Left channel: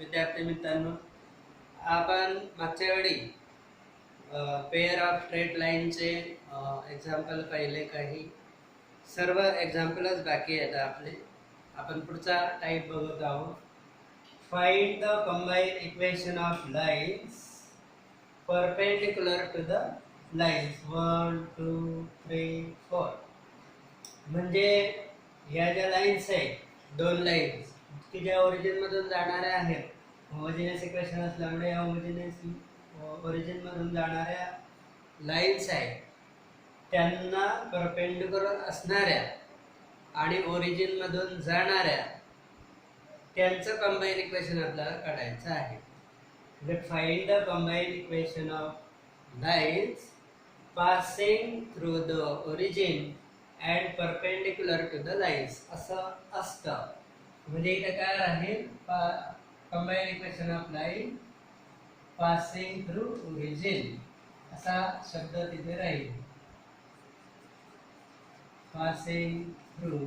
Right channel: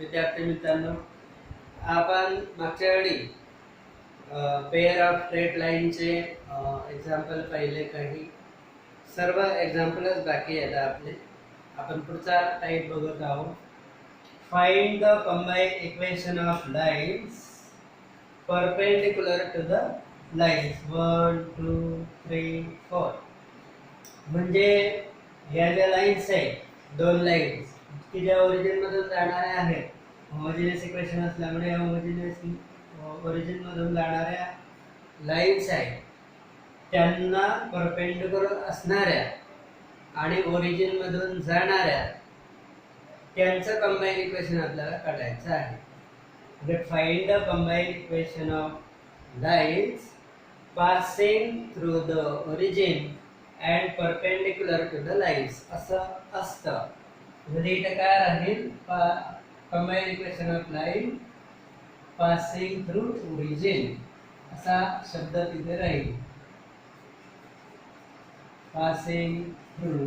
विद्यार्थी मित्रांनो, आपण मागच्या वेळी पेअर ऑफ स्ट्रेट लाईनचे एक्झाम्पल पाहिले. काही सर्व एक्झाम्पलच बाकी आहेत आपले. आपण पुढचा टाईप बघत आहोत. Find the combined equation of lines perpendicular to the lines 1 2 3 4. म्हणजे ह्या ज्या लाईन्स आहेत, दोन लाईन्स की ज्या ओरिजिन मधून जाणाऱ्या आहेत, होमोजिनियस इक्वेशन असल्यामुळे होमोजिनियस ओरिजिन मधून जाणाऱ्या लाईन्स आहेत, त्यांना परपेंडिक्युलर असणाऱ्या आणि ओरिजिन मधून जाणाऱ्या त्यांचं कंबाईन इक्वेशन आपल्याला काढायचं आहे. म्हणजे find the combine equation of lines passing through the origin and perpendicular to the lines असं असतं. म्हणजे इथे काय राहील, combine equation of line passing through origin असा शब्द तिथे राहील. Passing through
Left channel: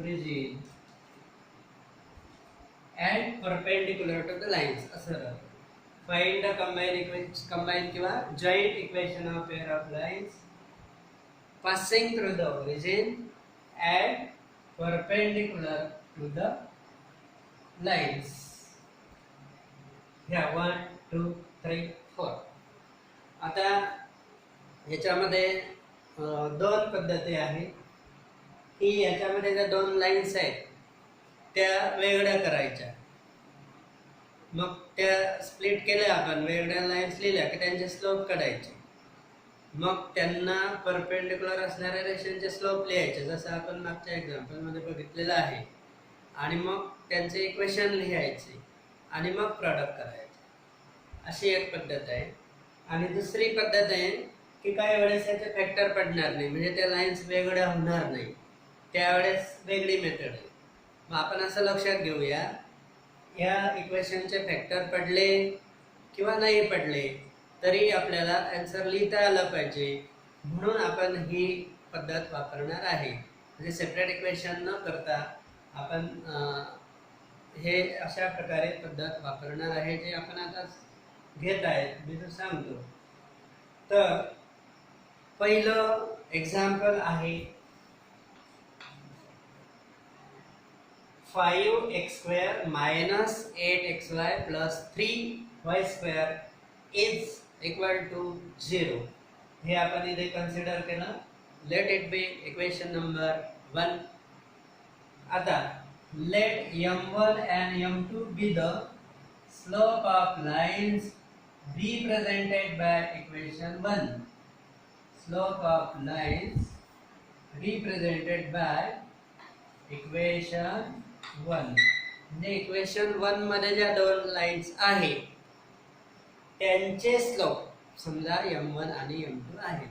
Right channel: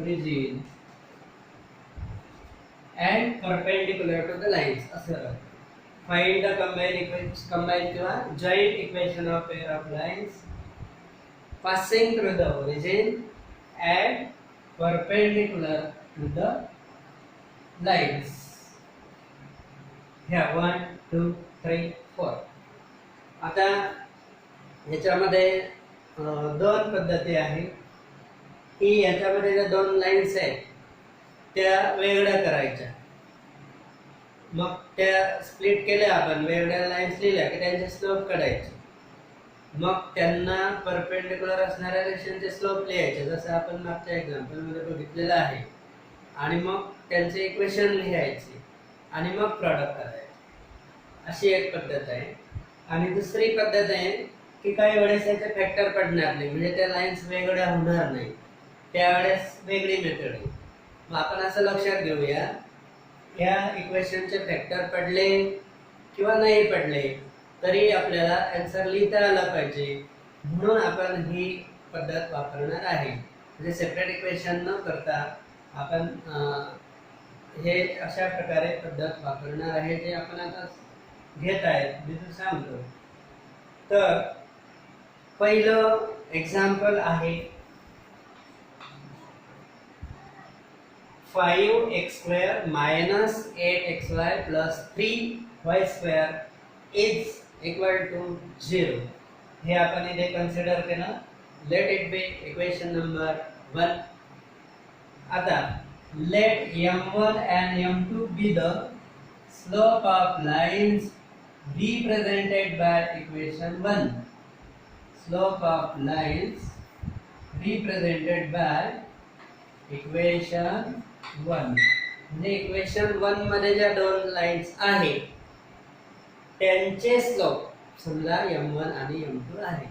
origin and perpendicular to the lines असं राहील. फाइंड द कंबाईन किंवा joint equation of pair of lines passing through the origin and perpendicular to the lines. Here 1 2 3 4. आता याच्यामध्ये दोन पद्धती आहेत की याच्यामध्ये ज्या दोन लाईन्स आहेत त्या वेगळ्या करायच्या. मग त्या स्प्लिट केल्या, आपण वेगळ्या लाईन्स लिहिल्या की त्यांचे स्लोप काढायचे. मग त्यांना परपेंडिक्युलर असणाऱ्या रेषांचे स्लोप लिहायचे, जसं आपण मागच्या एक्झाम्पल मध्ये बघितलेलं आहे. आणि मग त्यांचे इक्वेशन लिहायचे आणि मग प्रॉडक्ट करायचे. अशी एक पद्धत आहे. आणि दुसरी पद्धत आहे की काही वेळेस त्याचे फॅक्टर पडणार नाही, म्हणजे त्या लाईन्स वेगळ्या होणार नाही, त्यावेळेस वेगळी मेथड आहे. मग आपण असं लक्षात घेऊया, या इक्वेशनचे फॅक्टर पडले किंवा नाही पडले तरी आपल्याला आन्सर लिहिता आला पाहिजे, म्हणून आपण ही पद्धत वापरणार आहे. म्हणजे सेपरेट इक्वेशन न करता आपण हे अशा प्रकारे पद्धत वापरणार आहे, जे आपण आता घेत आहेत. मी तो सांगतो. तर पहिलं एक्झाम्पल आहे 5x² minus 8xy plus 3y² is equal to 0. हे आपण इथे कन्सिडर केलं. Let it be equation number 1. आता late m1 and m2 be the slope of lines represented by equation 1. Slope of lines represented by equation 1. म्हणजे equation 1 मध्ये ज्या दोन lines आहेत त्यांचे स्लोप समजा m1 आणि m2 आहे.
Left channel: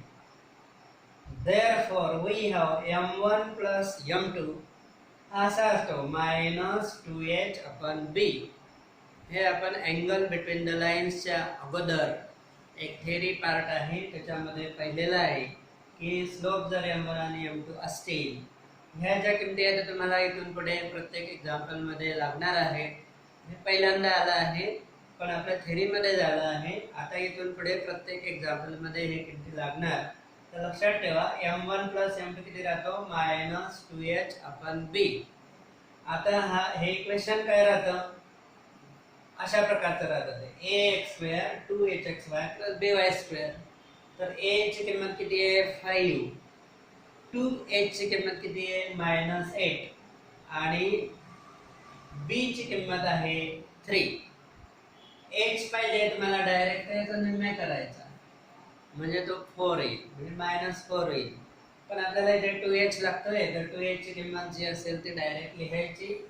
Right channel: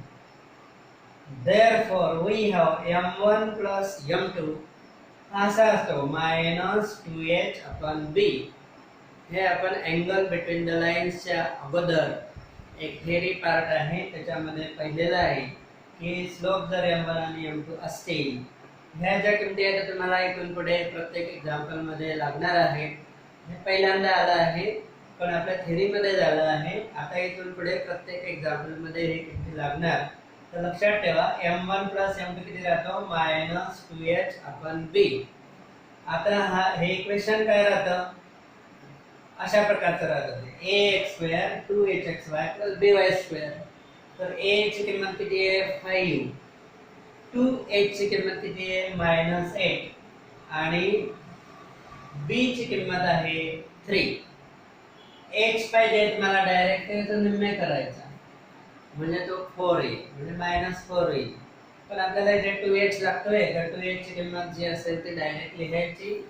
Therefore we have m1 plus m2 असा असतो -2h/b. हे आपण अँगल बिटवीन द लाईन्सच्या अगोदर एक थिअरी पार्ट आहे त्याच्यामध्ये पाहिलेलं आहे की स्लोप जर m1 आणि m2 असतील, ह्या ज्या किमती आहेत तुम्हाला इथून पुढे प्रत्येक एक्झाम्पल मध्ये लागणार आहे. हे पहिल्यांदा आलं आहे पण आपल्या थेअरीमध्ये झालं आहे. आता इथून पुढे प्रत्येक एक्झाम्पल मध्ये हे किती लागणार, तर लक्षात ठेवा m1 plus m2 किती राहतो -2h/b. आता हे इक्वेशन काय राहतं, अशा प्रकारचं राहतं ते ax² 2hxy plus by². तर a ची किंमत किती आहे 5, 2h ची किंमत किती आहे -8 आणि b ची किंमत आहे 3. h पाहिजे तुम्हाला डायरेक्ट त्याचा निम्मे करायचा म्हणजे तो 4 येईल, म्हणजे -4 येईल. पण आपल्याला इथे 2h लागतोय, तर 2h ची किंमत जी असेल ती डायरेक्ट लिहायची.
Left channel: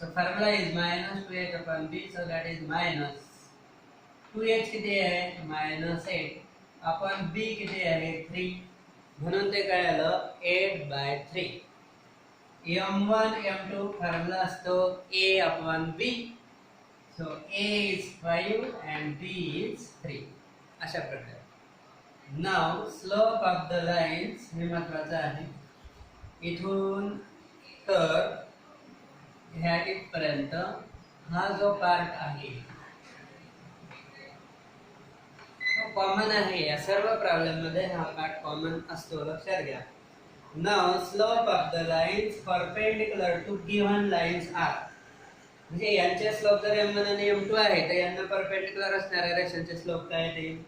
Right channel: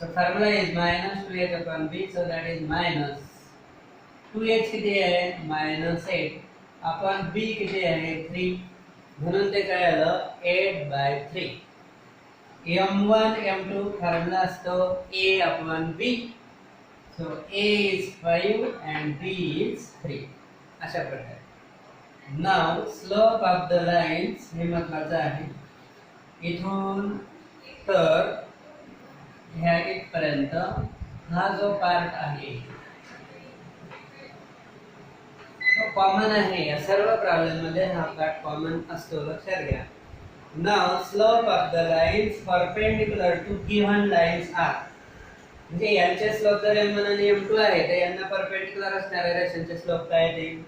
So formula is -2h/b, so that is -2h किती आहे -8 आपण b किती आहे 3, म्हणून ते काय आलं 8/3. m1 m2 फॉर्म्युला असतो a/b. So a is 5 and b is 3. अशा प्रकारे. Now slope of the lines हे महत्त्वाचं आहे. इथून तर ह्या इथपर्यंत हा जो पार्ट आहे तो कॉमन आहे, या सर्व प्रॉब्लेम मध्ये हा पार्ट कॉमन असतो, लक्षात घ्या. Now slope of the lines perpendicular to given lines are, म्हणजे यांचे स्लोप जर m1 आणि m2 आहे तर यांना परपेंडिक्युलर असणाऱ्या रेषांचे स्लोप काय येतील?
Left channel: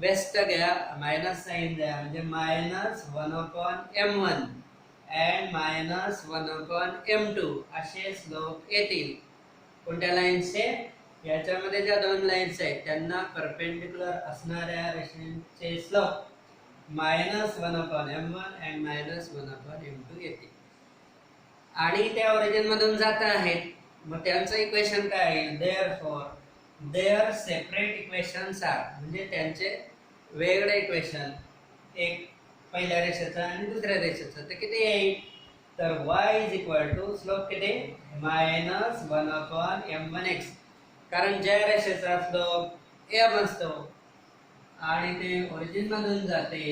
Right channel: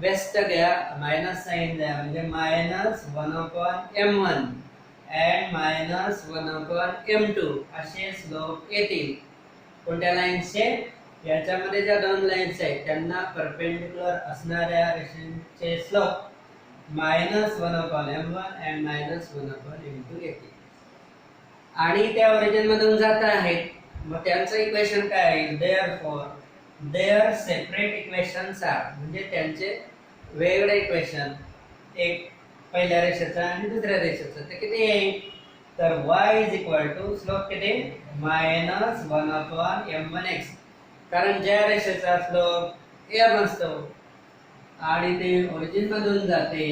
वेस्ट घ्या, मायनस साइन द्या, म्हणजे -1/m1 and -1/m2 असे स्लोप येतील. कोणत्या लाईन्सचे? याच्यामध्ये ज्या दोन लाईन्स आहेत त्यांना परपेंडिक्युलर असणाऱ्या रेषांचे स्लोप -1/m1 and -1/m2 येतील. आणि त्या ओरिजिन मधून जात आहेत, मग त्यांचं इक्वेशन काय आहे? Therefore their separate equations are, म्हणजे त्यांचे वेगळे इक्वेशन, एक पहिल्या रेषेचा आणि दुसऱ्या रेषेचा, ते किती येईल? तर y is equal to slope किती? -1/m1x, कारण ज्या रेषेचा स्लोप m असतो आणि ते ओरिजिन मधून जाते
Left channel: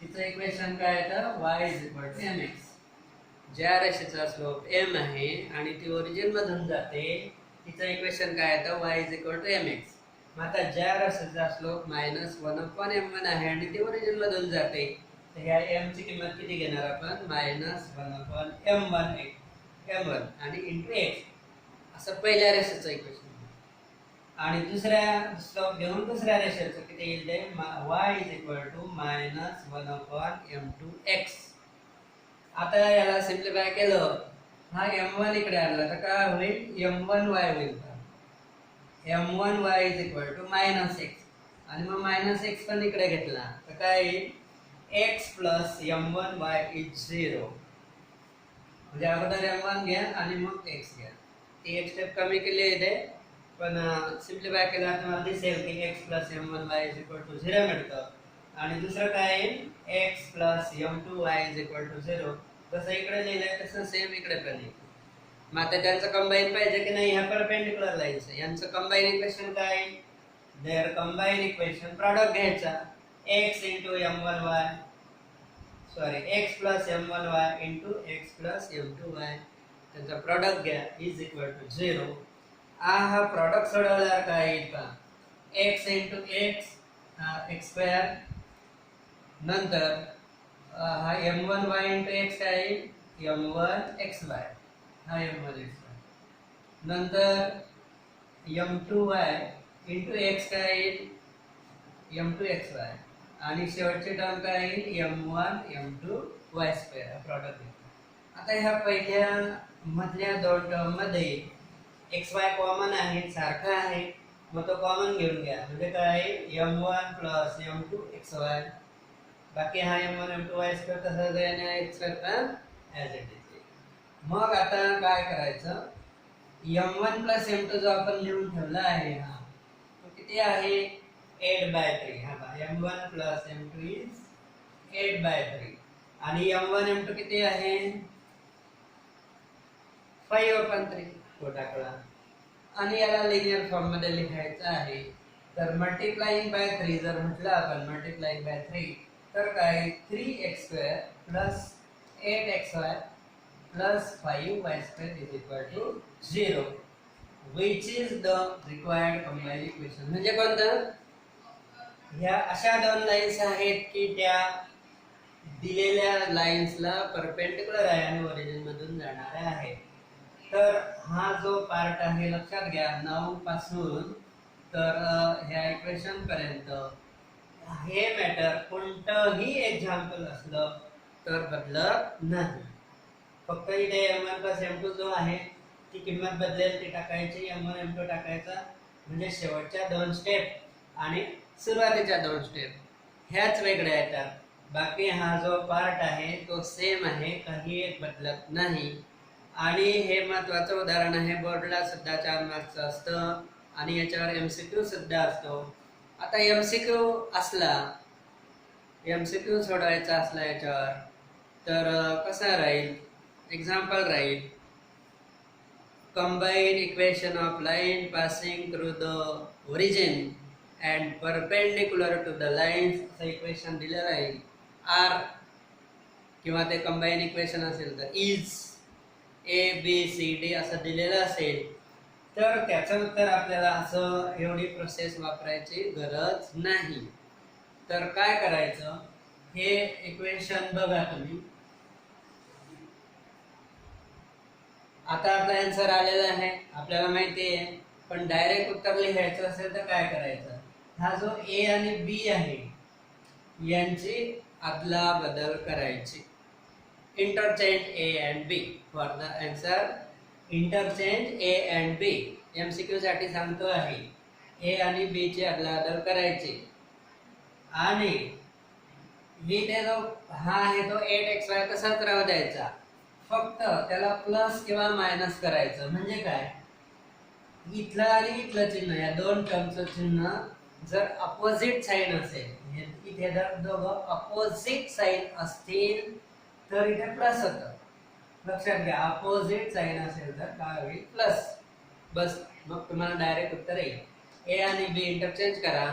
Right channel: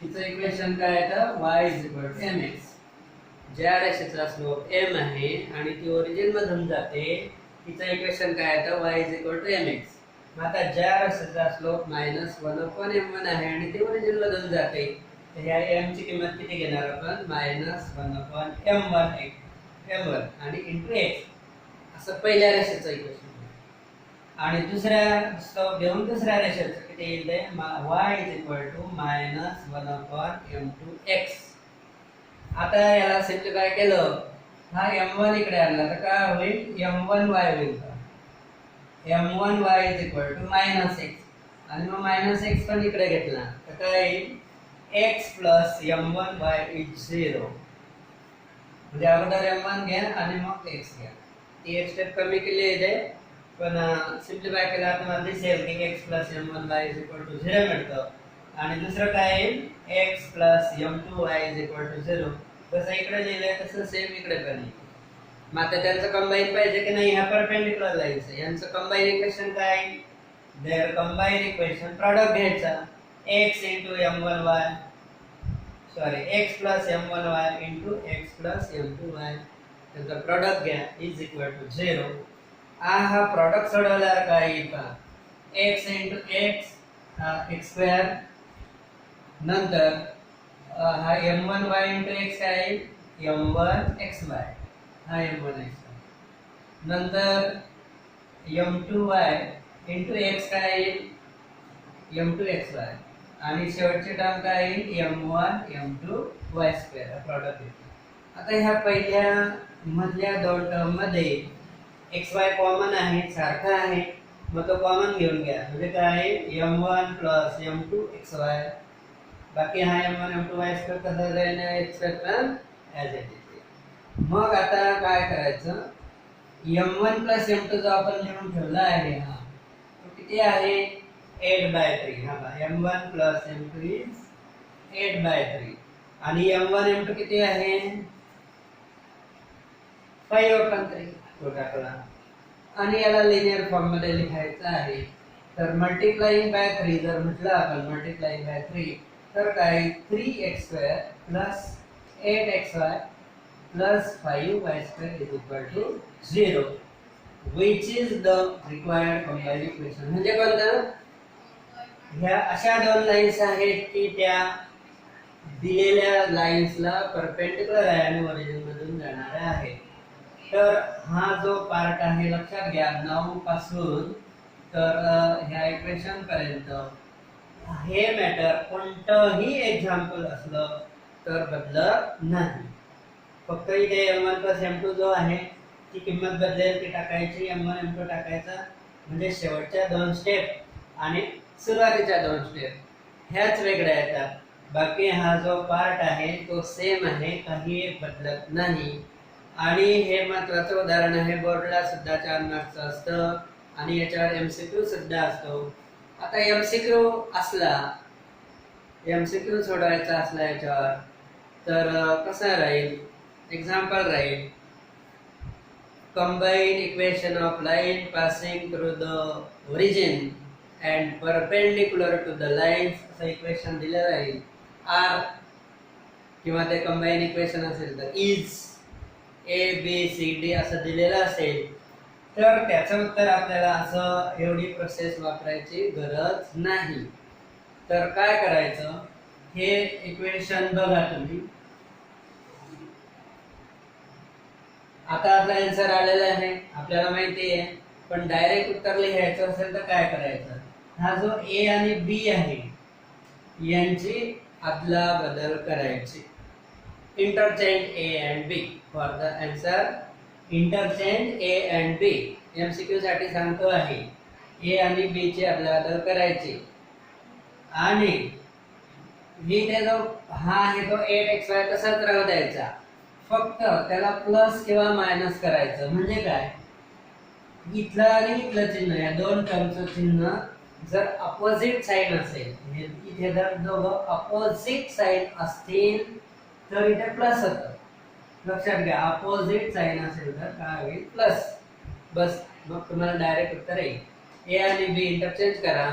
तिचं इक्वेशन काय येतं? y is equal to mx. ज्या रेषेचा स्लोप m आहे आणि ती ओरिजिन मधून जाते तिचं इक्वेशन काय येतं? y is equal to mx. मग आता ज्या रेषेचा स्लोप -1/m1 आहे आणि ती ओरिजिन मधून जाते तर ह्या m ची किंमत किती घेणार आपण? -1/m1 आणि इंटू x असं पहिल्या रेषेचं इक्वेशन. आणि दुसऱ्या स्लोप घेऊन दुसऱ्या रेषेचं किती येईल? ते y is equal to -1/m2x. आता याला सिम्प्लिफाय केलं, हा m1 इकडे आणला तर काय होईल? m1y होईल. m1y is equal to -x, आणि मग -x पण इकडे घेतला तर काय येईल? x plus m1y is 0. म्हणजे अगोदर m1 घ्या आणि मग x घ्या. ती एक स्टेप कमी केली इथे, पण सिम्प्लिफाय केला तुम्हाला दिसेल की x plus m1y is equal to 0 मिळतं. आणि दुसरं काय येईल? x plus m2y is equal to 0. जसं इकडे लिहिलंय तसं सेम इकडे पण येईल. मग आता त्यांचं कंबाईन पाहिजे की नाही? ह्या परपेंडिक्युलर लाईन्स आहे, यांचं कंबाईन इक्वेशन काय? देअर कंबाईन इक्वेशन, प्रॉडक्ट घ्यायचा, x into m1y, sorry x plus m1y into x plus m2y, त्यांचा प्रॉडक्ट घ्या, इज इक्वल टू 0. हा प्रॉडक्ट सोडवल्यावर काय येईल पहा? x into x x square, नंतर हा m1y इंटू x काय येईल? m1xy, हा m1xy, नंतर m2y इंटू x काय येईल? m2xy, आणि शेवटची टर्म काय येईल? m1 m2y स्क्वेअर, प्रॉडक्ट येईल. आता ह्या पहिल्या मधल्या दोन टर्म मध्ये xy कॉमन आहे, सारखा आहे, मग तो कॉमन घेऊन घ्या, म्हणजे काय? m1 प्लस m2xy, बाकी हा m1 m2y स्क्वेअर कसा जाईल? x square as it is. मग आता काय करायचं? m1 प्लस m2 जो आपण लिहून ठेवला आहे हा तो किती आहे? 8/3. हा बघा, m1 प्लस m2 इज 8/3, आणि m1 m2 किती आहे? 5/3 तो टाकला. आणि याला लिनियर फॉर्म मध्ये लिहायचं आहे, तर मल्टिप्लाइंग बाय 3 जर म्हटलं आपण, मल्टिप्लाइंग बाय 3 तर काय? 3x² plus 8xy plus 5y² is equal to 0, which is the required combine equation. म्हणजे कोणतं? ह्या अशा दोन लाईन्स आहेत की त्या दिलेल्या लाईन्सला परपेंडिक्युलर आहे आणि ओरिजिन मधून जाणाऱ्या आहेत. तर हा जो पार्ट आहे, लक्षात घ्या, 9 पासून तर ह्या इक्वेशन पर्यंत हे मॅटर कोणतंही एक्झाम्पल असलं तर बदलत नाही. फक्त इथे m1 प्लस m2 जो आहे ती किंमत बदलेल, ती टाकायची, m1 m2 टाकायचा, म्हणजे शेवटच्या दोन स्टेप आणि सुरुवातीच्या दोन स्टेप ह्याच वेगळ्या येतात. बाकी हा जो पार्ट आहे तो सेम आहे, काही एक बदलत नाही. आणि हे महत्त्वाचं उदाहरण आहे, बोर्डला सुद्धा 4 मार्क्सचं असतं आणि याच्यावर MCQ सुद्धा असतो. आता MCQ असला, MCQ सोडवायचा असला याच्यावर तर कसा राहील? एक्झाम्पल राहील, combine equation of line passing through the origin and perpendicular to the lines, असं इक्वेशन दिलं राहील. आर किंवा ते कंबाईन इक्वेशन असेल तर is A B C D असं दिलेलं असेल, तर त्याचं उत्तर आपल्याला असं एवढी प्रोसेस वापरायची गरज नाही. तर काय करायचं, हे इक्वेशन बघा तुम्ही. आता आपला आन्सर आलेला आहे, आपल्याला माहिती आहे. पण डायरेक्ट उत्तर लिहायचं असेल तर काय करायचं, हा जो ए आणि बी आहे यांची अदला बदल करायची. Interchange A and B for the answer. Interchange A and B MCQ साठी सांगतो आहे. ए आणि बी ची अदला बदल करायची आणि इथे जो हा आहे तो 8xy तसाच राहू द्यायचा, फक्त त्याला प्लस किंवा मायनस करायचं. म्हणजे काय, इथलं आणि इथलं चिन्ह, या दोन टर्मचं चिन्ह जर अपोजिट साइन असेल, इथे जर दोघं अपोजिट साइन असतील तर इथे प्लस होतं. लक्षात घ्या, अपोजिट साइन असेल तर काय होईल, प्लस. बस, मग तुम्हाला डायरेक्ट उत्तर येईल. ए आणि बी इंटरचेंज करा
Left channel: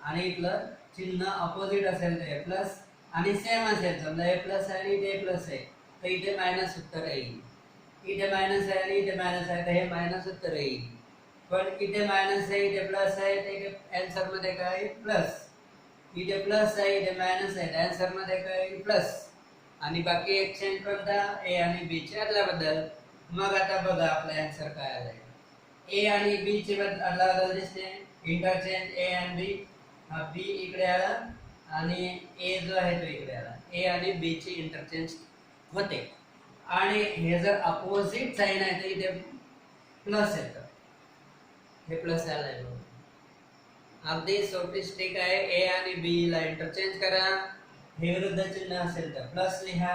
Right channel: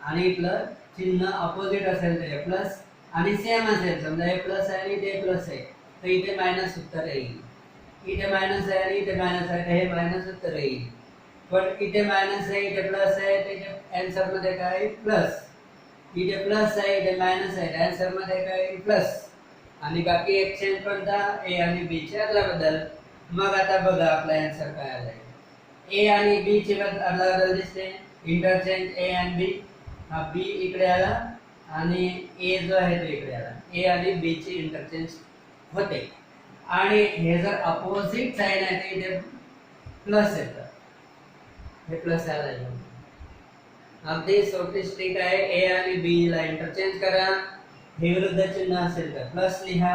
आणि इथलं चिन्ह अपोजिट असेल तर प्लस, आणि सेम असेल, समजा हे प्लस आहे आणि इथे प्लस आहे तर इथे मायनस उत्तर येईल. इथे मायनस आहे आणि इथे मायनस आहे तर हे मायनस उत्तर येईल. पण इथे मायनस आहे इथे प्लस आहे तर इथे आन्सर मध्ये काय, प्लस. इथे प्लस आहे इथे मायनस आहे, आन्सर मध्ये काय, प्लस. आणि बाकी एक्सचेंज कोणता, ए आणि बी चे अदलाबदल. मग आता बघा आपला आन्सर काय आलाय. ए आणि बी चे अदलाबदल दिसते, इंटरचेंज ए आणि बी. हा बी इकडे आला आणि ए जो आहे तो इकडे आला. ए आणि बी ची इंटरचेंज होते. आणि हे जर अपोजिट साइन आहे तर इथे प्लस येतं, हे प्लस आलंय. अगदी सोपी ट्रिक आहे. ए आणि बी ला इंटरचेंज करा, हे विरुद्ध चिन्ह असेल तर प्लस लिहा,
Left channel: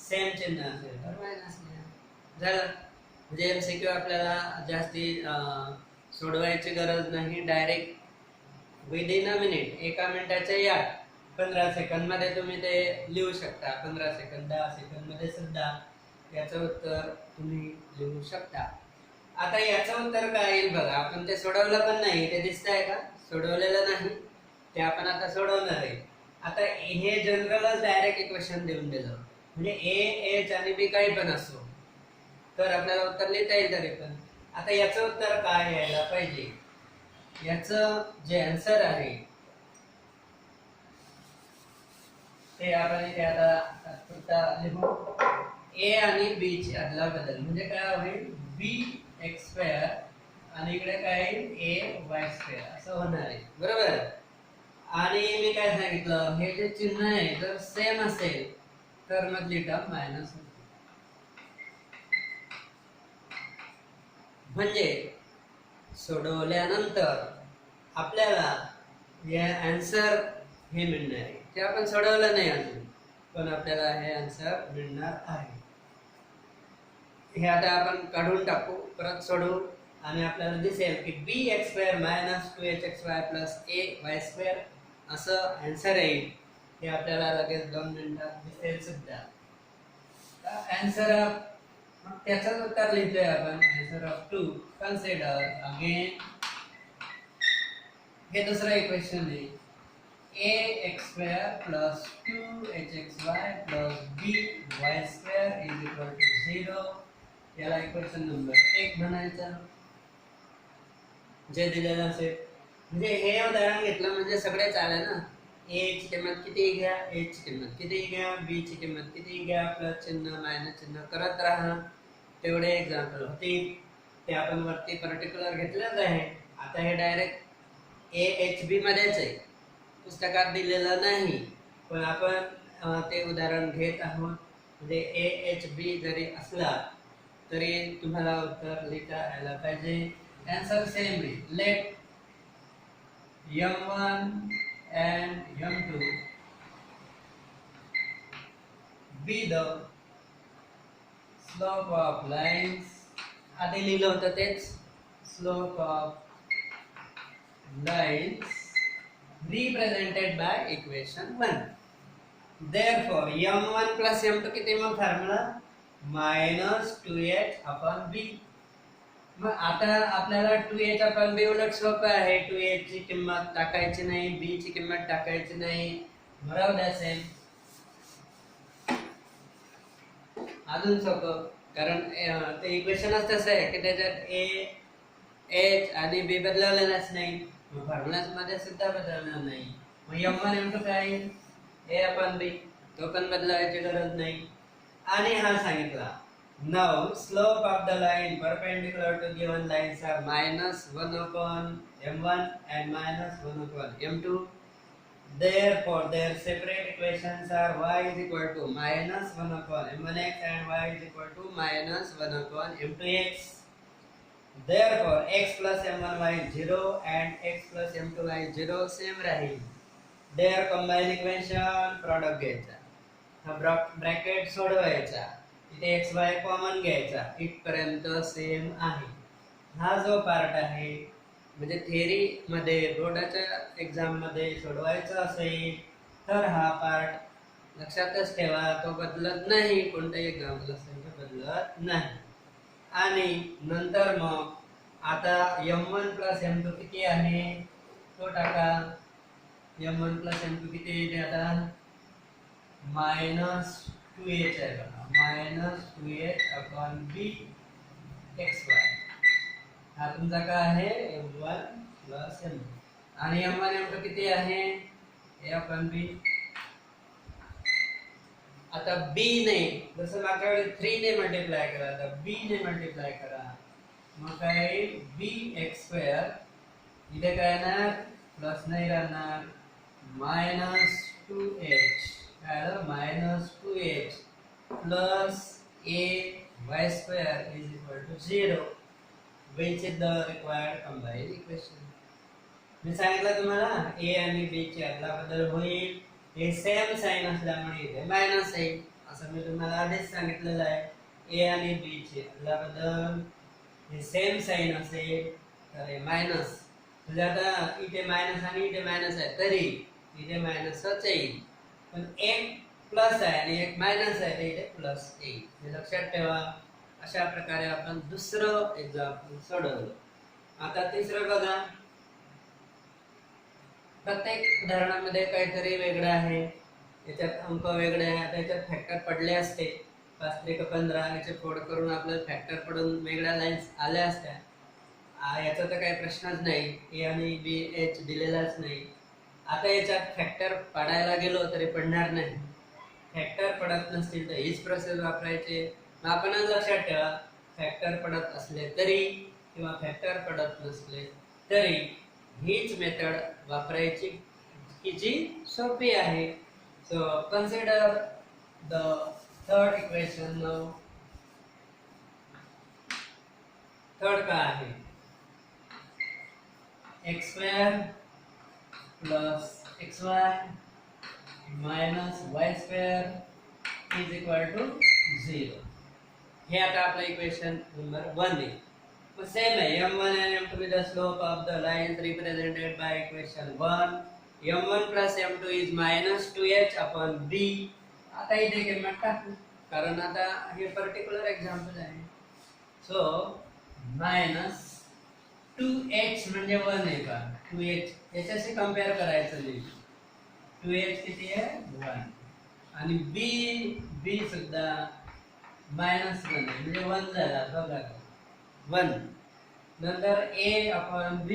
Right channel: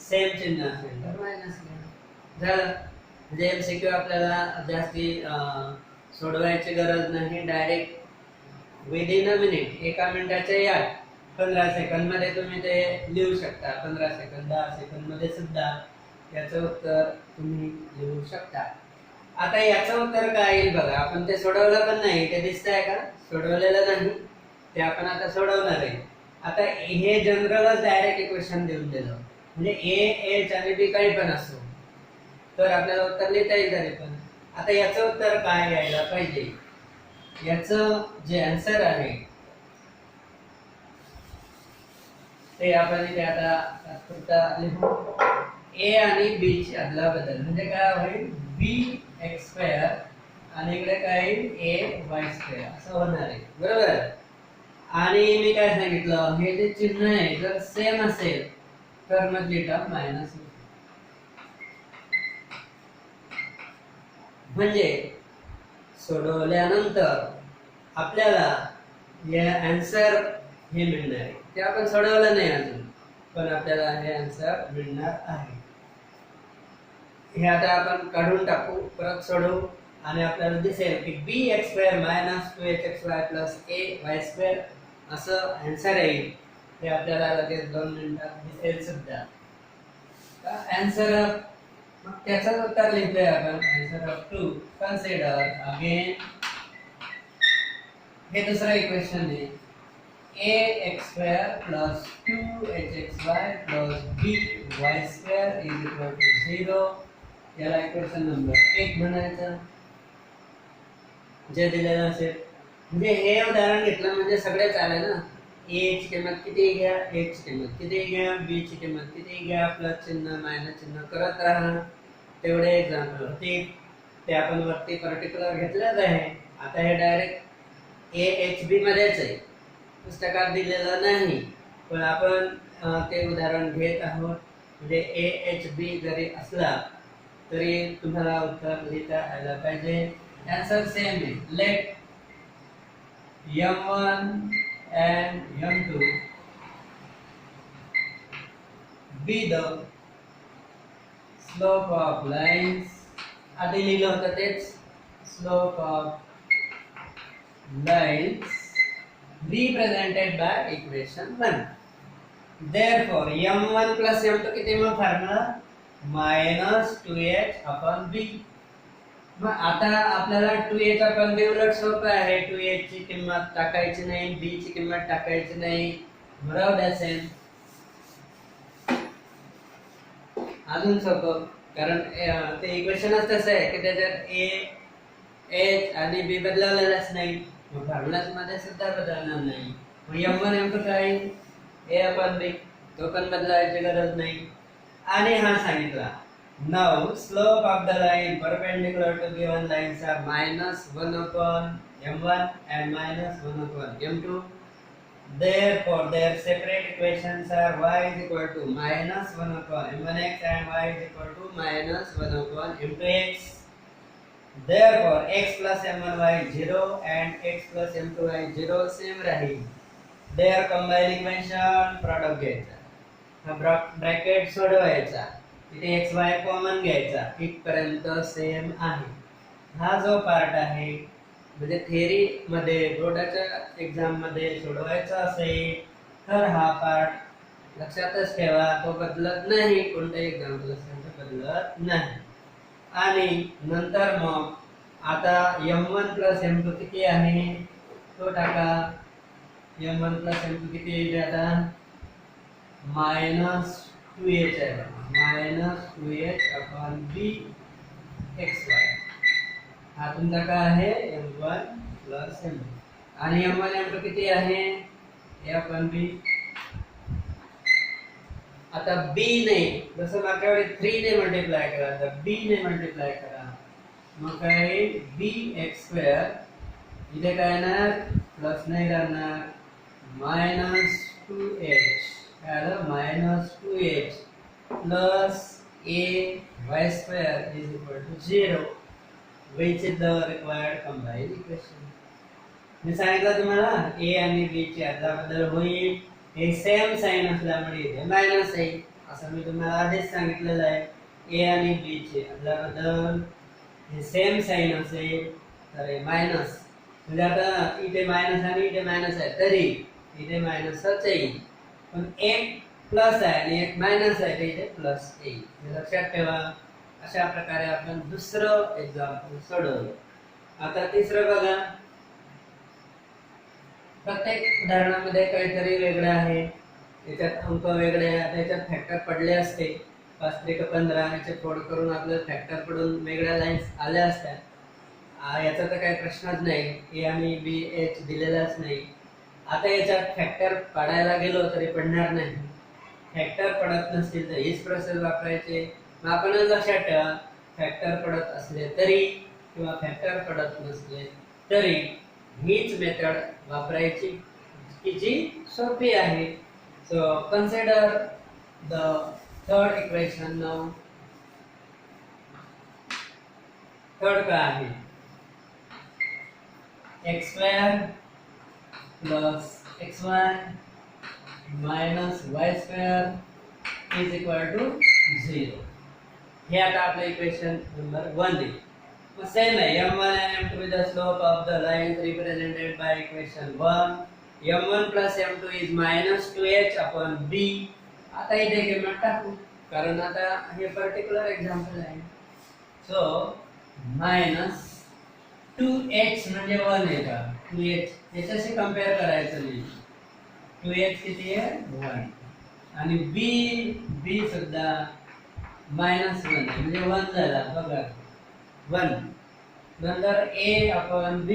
सेम चिन्ह असेल तर मायनस लिहा. झालं. म्हणजे एमसीक्यू आपल्याला जास्ती सोडवायची गरज नाही, डायरेक्ट विदिन अ मिनिट, एका मिनिटाच्या या 15 सेकंद मध्ये तुम्ही ते लिहू शकता. 15 सेकंद 10 सेकंद मध्ये सुद्धा याचं उत्तर तुम्ही लिहू शकता. आता याचं उत्तर काय येईल बघा, आपण ते सोडवलं पण नाही, ते दिसतंय का, सोडवलेलं नाही, ते आपण आता सोडवणार आहे. आता हे जनरलच डायरेक्ट इक्वेशन देऊन दिलं, म्हणजे ए एच आणि बी काही पण असो तर आपल्याला उत्तर लिहिता येईल तरी पण. आता याचं उत्तर काय यायला पाहिजे, याचं जे आन्सर आहे ते आपण इथे आता लिहू. ए आणि बी ची अदला बदल म्हणजे काय होईल, बी एक्स स्क्वेअर आणि इकडे काय येईल, ए वाय स्क्वेअर असं होणार आहे, बरोबर. आणि मी काय सांगितलं, हे जे चिन्ह आहे जर सेम असेल तर मधली टर्म मायनस होईल. म्हणजे सोडवल्यानंतर आपल्याला हे आन्सर हे मिळणार आहे. ते आपण सोडवलं नाही अजून, पण आपल्याला हे आन्सर मिळणार आहे. हे आता आपण काढून टाकू, परत सोडवू आणि आपल्याला दिसेल की B X square minus 2hxy plus A Y square असं आन्सर येईल. हे आपल्याला लगेच 2 मिनिटात दिसेल सुद्धा. आन्सर मग त्याचं उत्तर लिहितोय आपण, आन्सर ऑफ 2. कन्सिडर अगेन, हे दुसरं इक्वेशन आहे, ax square plus 2hxy plus by square is equal to 0. याला इक्वेशन नंबर 1 म्हणायचं, जे दिलेलं असेल. म्हणजे हे उदाहरण घेतलं म्हणजे सगळे चालेल ना. a ची किंमत किती घ्या, a ची किंमत किती घ्या, b ची किंमत किती घ्या, प्लस चिन्ह मायनस चिन्ह करत राहा. तेवढे एक्झाम्पल होते, ते आपण वरती पर्टिक्युलर घेतलेच आहे. आता हे डायरेक्ट AHB मध्येच आहे, पुस्तकात दिलेलं नाही, पण आपण ते उदाहरण घेत आहोत. म्हणजे AHB जरी असला तरी तुम्हाला उत्तर लिहिता यायला पाहिजे. आन्सर सेम आहे. Let M1 and M2 be the slope of lines. आधी लिहिलं होतं तेच, slope of lines represented by equation 1. Therefore M1 plus M2 किती मग formula minus 2h upon b. मग आता आपल्याला 2h upon b उलट सोपं आहे. 2h ची किंमत टाकायची नाही, b ची किंमत टाकायची नाही, राहू द्या सेम. अजून सोपं, कारण ते इक्वेशनच तसं आहे की त्याच्यात a एच आणि बी बदललेलाच नाही, मग फॉर्म्युलाज मध्ये सुद्धा बदलणार नाही. मग m1 m2 काय a अपॉन b, तो पण बदलायची गरज नाही. आणि हा सांगितला now slope of the line perpendicular to given lines are -1 upon m1 and -1 upon m2. Therefore their separate equations are y is equal to -1 upon m1x and y is equal to -1 upon m2x. Therefore x plus m1y 0 and x plus m2y 0 same राहील. Their combined equation product घ्यायचा, हा bracket सोडवायचा, इथे x y common घ्यायचा, इथपर्यंत same आहे. हा जो पार्ट आहे म्हणजे थिअरी मध्ये बोर्डाच्या एक्झाम मध्ये सोडवायचा असेल तर हा पार्ट लक्षातच ठेवा, तो बदलत नाही, कोणत्याही एक्झाम्पल बदलत नाही. आणि नंतर मग आता m1 plus m2 किती आहे तो टाका. m1 plus m2 किती येते आता -2h आहे बघा, -2h upon b xy. हा तुमचा काय आहे m1 plus m2 आणि m1 m2 किती आहे a upon b. आता b ने जसं मागच्या वेळी 3 ने मल्टिप्लाय करा, तर b ने मल्टिप्लाय करा, मग काय bx2 इथे काय येणार प्लस नाही राहणार -2h काय आलं -2h plus a y2 is equal to 0, which is the required combined equation. मी सांगितलं तुम्हाला a आणि b ची अदलाबदल होईल, हे सेम साइन असल्यामुळे इथे मायनस आहे, असं मी तुम्हाला आधीच सांगितलेलं आहे. a आणि b ची अदलाबदल हे सेम साइन असेल तर हे मायनस, म्हणजे आता इथे मायनस आणि इथे मायनस आहे तरी इथे मायनसच येईल, पण एक प्लस आहे आणि एक मायनस आहे तर इथे प्लस येईल, हे लक्षात ठेवा. अशा प्रकारे आपण दुसरं एक्झाम्पल सोडवलं. आता तिसरं बघा, प्रत्येक उदाहरणामध्ये काहीतरी वेगळं आहे, याच्यात अंक वेगळे आहे, त्याच्यात फॅक्टर पडले असते 5 त्रिक 15, याचे फोड करून आपल्याला फॅक्टर पडून वेगळ्या लाईन्स आल्या असत्या. याचा तर काही प्रश्नच नाही, ए आणि बी एच दिलेलाच नाही. आता याच्यात फॅक्टर पडायला गेलो तरी पडणार नाही, फॅक्टर पडत नसतील तर हीच प्रोसेस वापरायची. मग आपणच लक्षात ठेवा, फॅक्टर पडत असले तरी किंवा फॅक्टर पडत नसले तरी हीच मेथड वापरायची की जी सोपी आहे. So consider the third equation now. Third काय आहे x2 plus xy minus y2 is equal to 0. हे आता आपलं इक्वेशन नंबर 1 आहे. मग सेम आहे m1 and m2 with the slope of the lines represented by equation 1. m1 plus m2 is -2h upon b. आता इथे किंमत टाकू कारण आता हे पर्टिक्युलर एक्झाम्पल आहे. सो -2h म्हणजे 1 आहे का, 2h याच्याशी कंपेअर करायचं नाही, 2h किती आहे 1 आणि b सुद्धा -1 आहे म्हणजे 1 झाला बघा 1. नंतर a upon b,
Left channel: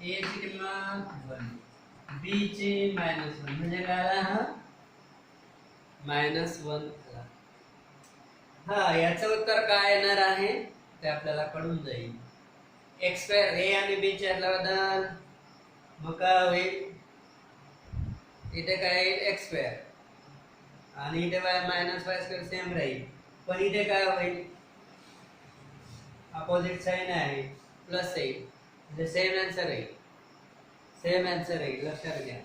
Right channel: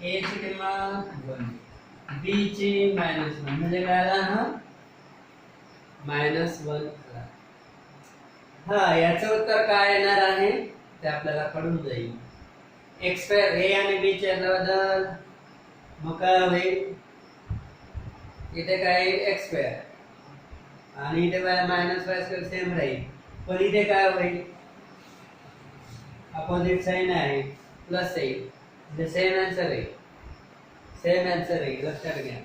a ची किंमत 1, b ची -1 म्हणजे काय आला हा -1 आला. हा याचं उत्तर काय येणार आहे ते आपल्याला कळून जाईल. x2 a आणि b चे बदल मग काय होईल, इथे काय x2 आणि इथे -y2 सेम राहील, पण इथे काय होईल अपोजिट साइन आहे प्लस येईल म्हणजे सेम आन्सर आहे, सेम आन्सर आहे लक्षात घ्या.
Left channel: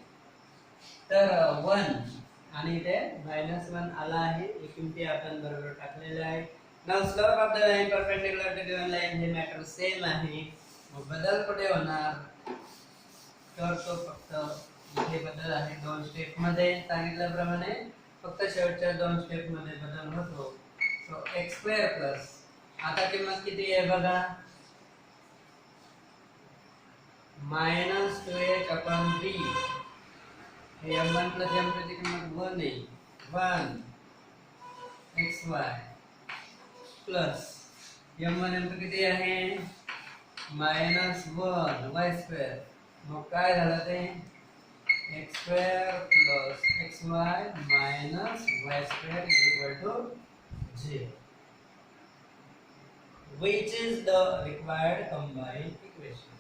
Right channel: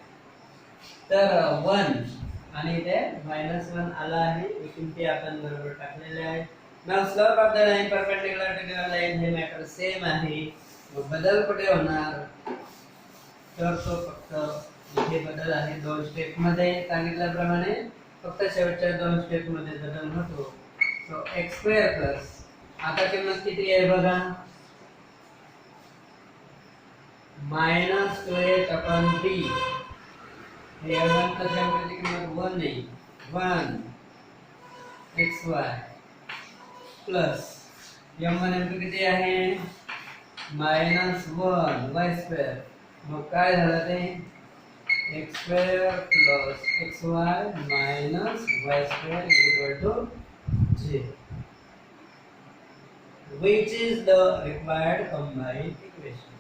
तर 1 आणि इथे -1 आला आहे, ही किमती आपण बरोबर टाकलेल्या आहे. Now slope of the line perpendicular to given line हे मॅटर सेम आहे, मग बदल कुठे होणार तर तो फक्त इथे बदल आहे 2 स्टेप मध्ये सांगितल्याप्रमाणे, फक्त शेवटच्या 2 स्टेप मध्ये बदल होतो. सो x2 प्लस आता किंमत किती आहे बघा -2h upon b. हे m1 plus m2 ची किंमत 1 आहे, 1 xy प्लस m1 m2 किती आहे मायनस 1 वाय स्क्वेअर. मग काय झालं ते x square plus x y minus y square equal to 0. Which is the required combined equation.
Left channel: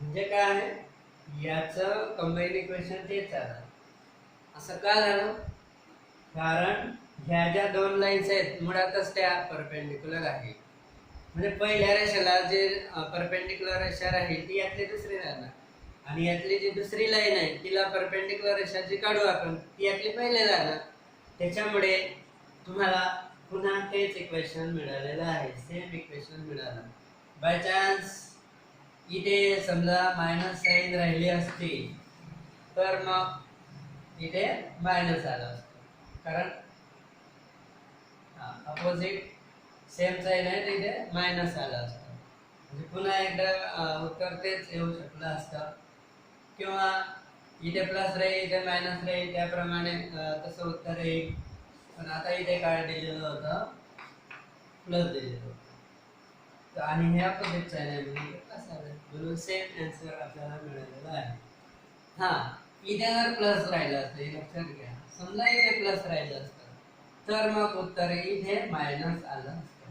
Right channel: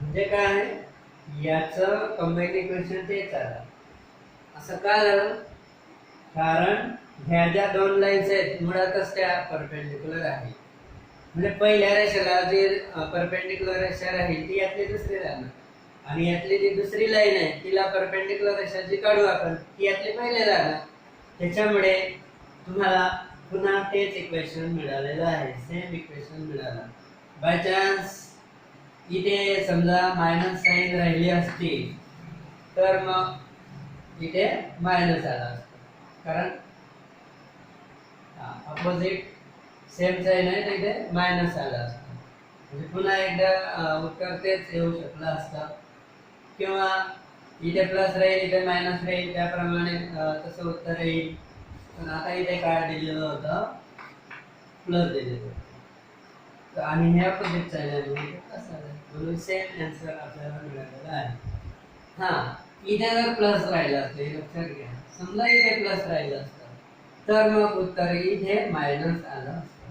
म्हणजे काय याचं कंबाईन इक्वेशन तेच आलं. असं का झालं कारण ह्या ज्या दोन लाईन्स आहेत मुळातच त्या परपेंडिक्युलर आहेत. म्हणजे पहिल्या रेषेला जे परपेंडिक्युलर रेषा राहील ती यातली दुसरी राहणार आणि यातली जी दुसरी लाईन आहे तिला परपेंडिक्युलर रेषा जी काढू आपण ती यातली पहिले राहणार. त्याच्यामुळे तुम्हाला पुन्हा तेच इक्वेशन मिळालेलं आहे. सेम इक्वेशन मिळालं. बाय चान्स इथे समजा मायनस साइन राहिली असती तर मग इथे मायनस आला असतं कारण अपोजिट सेम साइन आहे तर इथे मायनस आला असतं. म्हणजे पुन्हा एकदा उत्तर तेच येऊ शकलं असतं किंवा इथे प्लस राहील इथे मायनस राहील त्याप्रमाणे तसं उत्तर येईल. पण आता इथे काय दिलेलं होतं प्लस दिलेलं होतं आणि हे अपोजिट साइन आहे म्हणून सेम आन्सर आपल्याला मिळालेला आहे. हा इथे जर प्लस राहिलं असतं लक्षात घ्या. समजा इथे प्लस राहिलं असतं तर मग उत्तर इथे मायनस आलं असतं.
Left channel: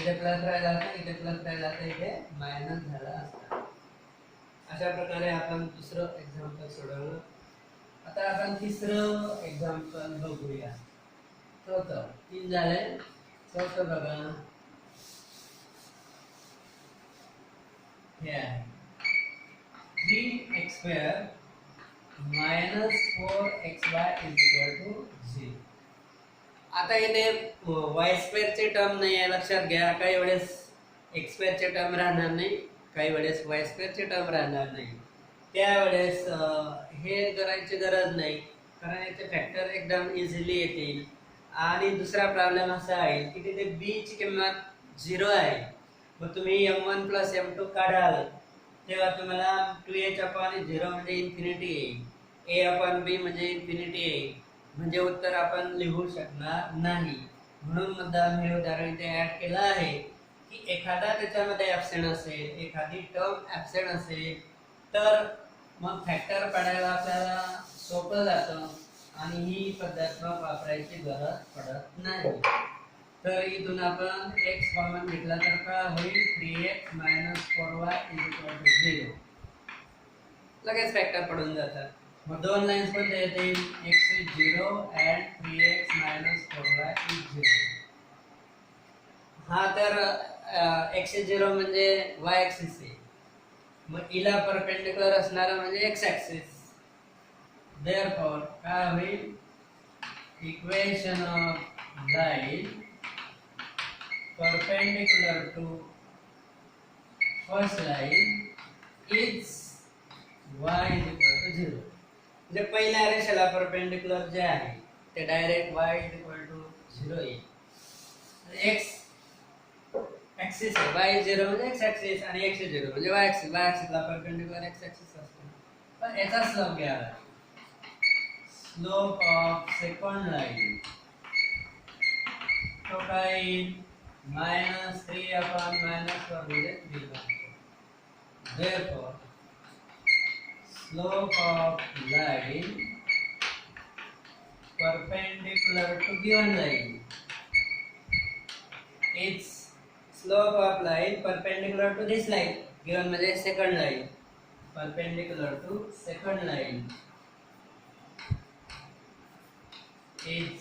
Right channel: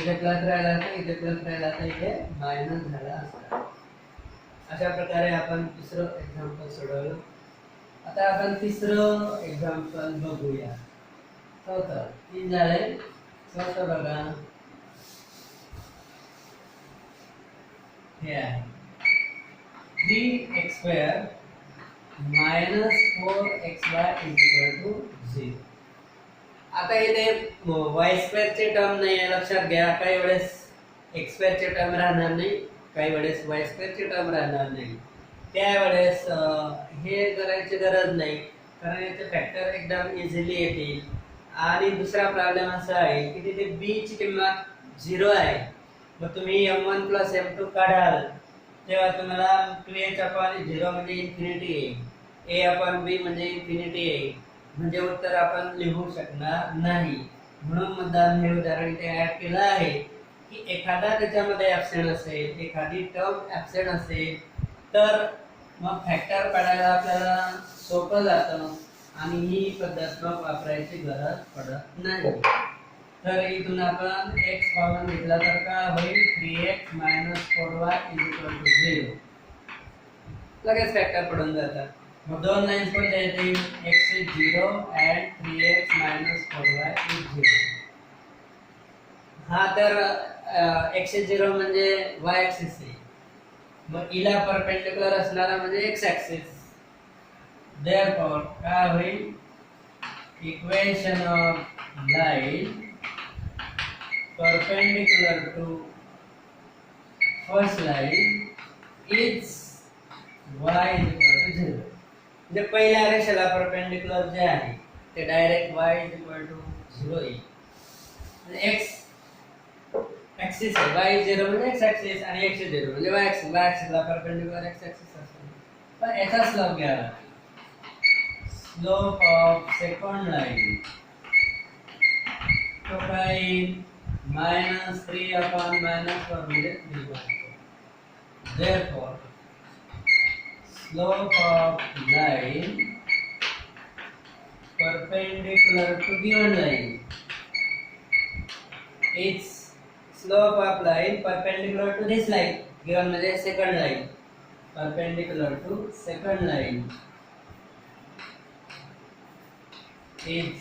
इथे प्लस राहिला असता इथे प्लस राहिला असता इथे मायनस झाला असता. अशा प्रकारे आपण दुसरं एक्झाम्पल सोडवलं. आता आपण तिसरं एक्झाम्पल बघूया. चौथं 3 झाले. चौथं बघा हे आहे 3x square minus 4xy equal to 0. आता इथे y स्क्वेअर चे टर्म नाही आहे लक्षात घ्या. काही वेळेस x स्क्वेअर चे टर्म राहणार नाही काही वेळेस y स्क्वेअर चे टर्म राहणार नाही. त्यावेळेस हे करायची गरज नाही कारण याचे फॅक्टर एकदम इझिली येतील. आणि दुसरा प्रॉब्लेम असा आहे की तिथे b ची किंमत 0 आहे. मग तुम्ही m1 + m2 काढाल तेव्हा तुम्हाला 2h/0 म्हणजे इन्फिनिटी येईल. a/b म्हणजे इन्फिनिटी येईल. म्हणजे उत्तर आपण लिहू शकणार नाही. म्हणून मुद्दाम हे उदाहरण इथे ऍड केलं आहे की एखादा त्याच्यामध्ये ॲब्सेंट असेल एखादी टर्म ॲब्सेंट असेल तर मग फॅक्टर काढायला आपल्याला सोपं जातं आणि ही पद्धत मग वापरायची गरज पडत नाही. तर इथून आपण x कॉमन घेतला तर काय होईल 3x - 4y = 0. लगेच फॅक्टर पडून जातात. मग दोन लाईन्स पण येतील x is 0 and 3x - 4y is 0. हा तर x is 0 म्हणजे y ऍक्सिस आहे. मग इला परपेंडिक्युलर असणारा म्हणजे x ऍक्सिस. Therefore काय होईल equation of line perpendicular to first line is y = 0. म्हणजे पहिल्या रेषेला परपेंडिक्युलर जे आहे ते डायरेक्ट y = 0 येईल. x ऍक्सिस आहे y 0 म्हणजे x ऍक्सिस आणि x 0 म्हणजे y ऍक्सिस. y ऍक्सिसला परपेंडिक्युलर x ऍक्सिस असतो. पण याचा स्लोप घ्यावा. स्लोप ऑफ सेकंड लाइन तो काय -3/-4 म्हणजे 3/4. Therefore slope of line perpendicular to given line is slope of line perpendicular to this line given म्हणजे second line perpendicular to second line is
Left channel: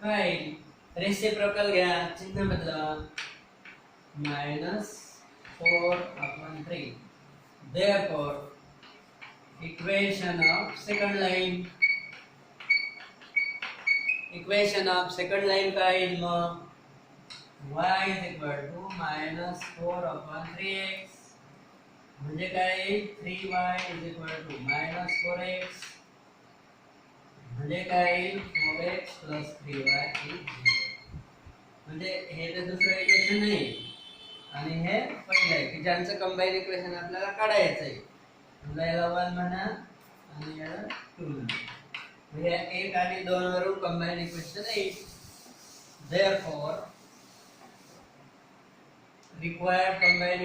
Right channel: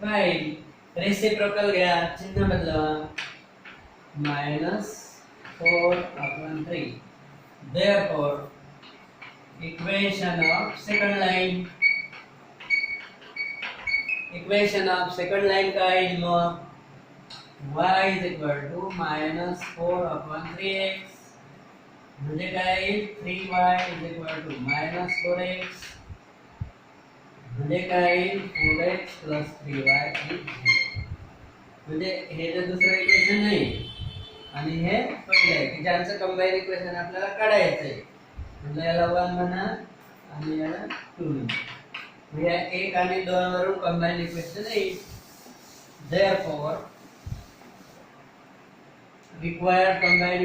काय reciprocal घ्या चिन्ह बदलवा -4/3. Therefore equation of second line काय येईल मग y = -4/3x म्हणजे काय येईल 3y = -4x म्हणजे काय येईल 4x + 3y = 0. म्हणजे हे जे दुसरं इक्वेशन नाही आणि हे पहिलं आहे की ज्यांचं कंबाईन इक्वेशन आपल्याला काढायचं आहे. म्हणजे याला 1 म्हणा आणि याला 2 म्हणा. म्हणजे 1 आणि 2 वरून कंबाईन इक्वेशन येईल. Therefore required combined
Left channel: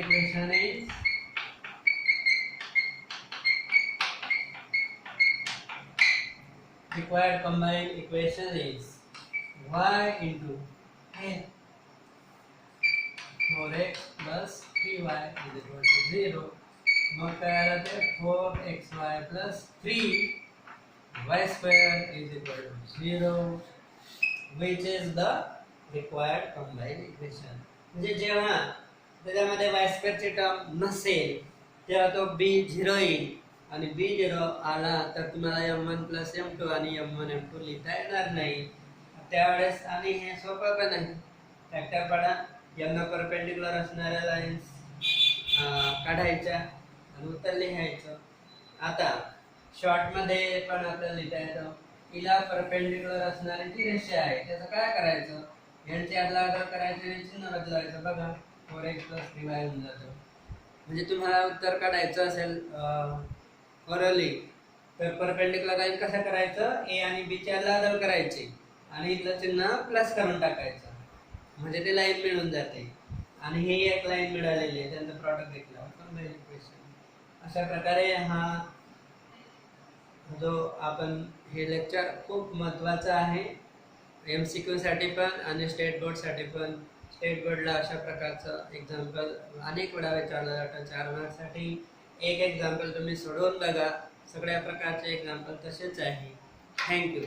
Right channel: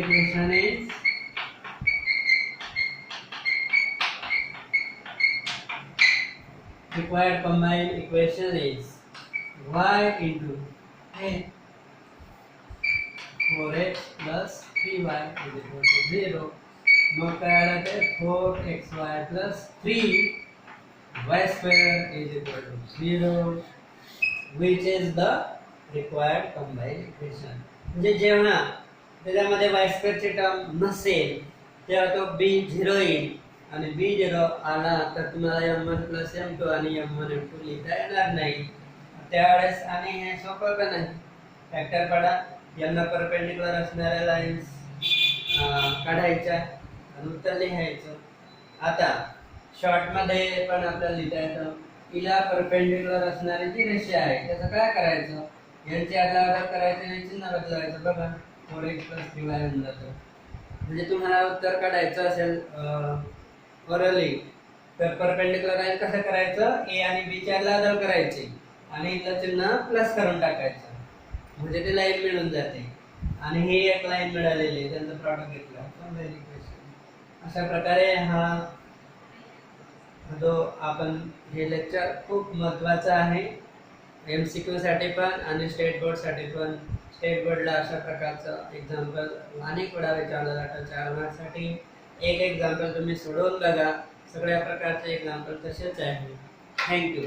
equation is y into 4x plus 3y is equal to 0. मग काय आलं ते 4xy plus 3y square is equal to 0, which is the required combined equation. म्हणजे जेव्हा त्याच्यामध्ये y square ची टर्म नसेल तेव्हा तो b 0 येईल आणि b 0 आला तर तुम्हाला m1 plus m2 आणि m1 m2 लिहिता येणार नाही. त्यावेळेस आणि हे सोपं का नाही, फॅक्टर पाडा, यांना परपेंडिक्युलर असणाऱ्या लाईन्स काढायच्या आणि उत्तर लिहायचं. आता शॉर्ट मध्ये पण आपल्याला लिहिता येतं, तिला परपेंडिक्युलर असणारी जी रेषा आहे त्याचं काय करायचं, यांची आदलाबदल करायचं आणि चिन्ह बदलायचं. बघा 4x plus 3y होऊन जातं. म्हणजे तुम्हाला उत्तर काढायचं असेल ओरली तर परपेंडिक्युलर लाईन कसं करायचं, ए आणि बी ची आदलाबदल करायची आणि इथलं चिन्ह प्लस करून टाकायचं म्हणजे ती लाईन मिळून जाते. आणि ही एक लाईन मिळालेली आहे, त्यांचं प्रॉडक्ट घेतलं कंबाईन इक्वेशन. अशा प्रकारे हा जो आपण हे लेक्चर खूप महत्त्वाचं आहे MCQ साठी पण आणि स्टेट बोर्ड साठी पण. स्टेट बोर्डला अशा प्रकारचं एक्झाम्पल अनेक वेळा विचारलं जातं. 4 मार्क्ससाठी एक एक्झाम्पल तुम्ही सोडवून बघा, सगळ्या प्रकारचे एक्झाम्पल तसेच आहे. थँक्यू.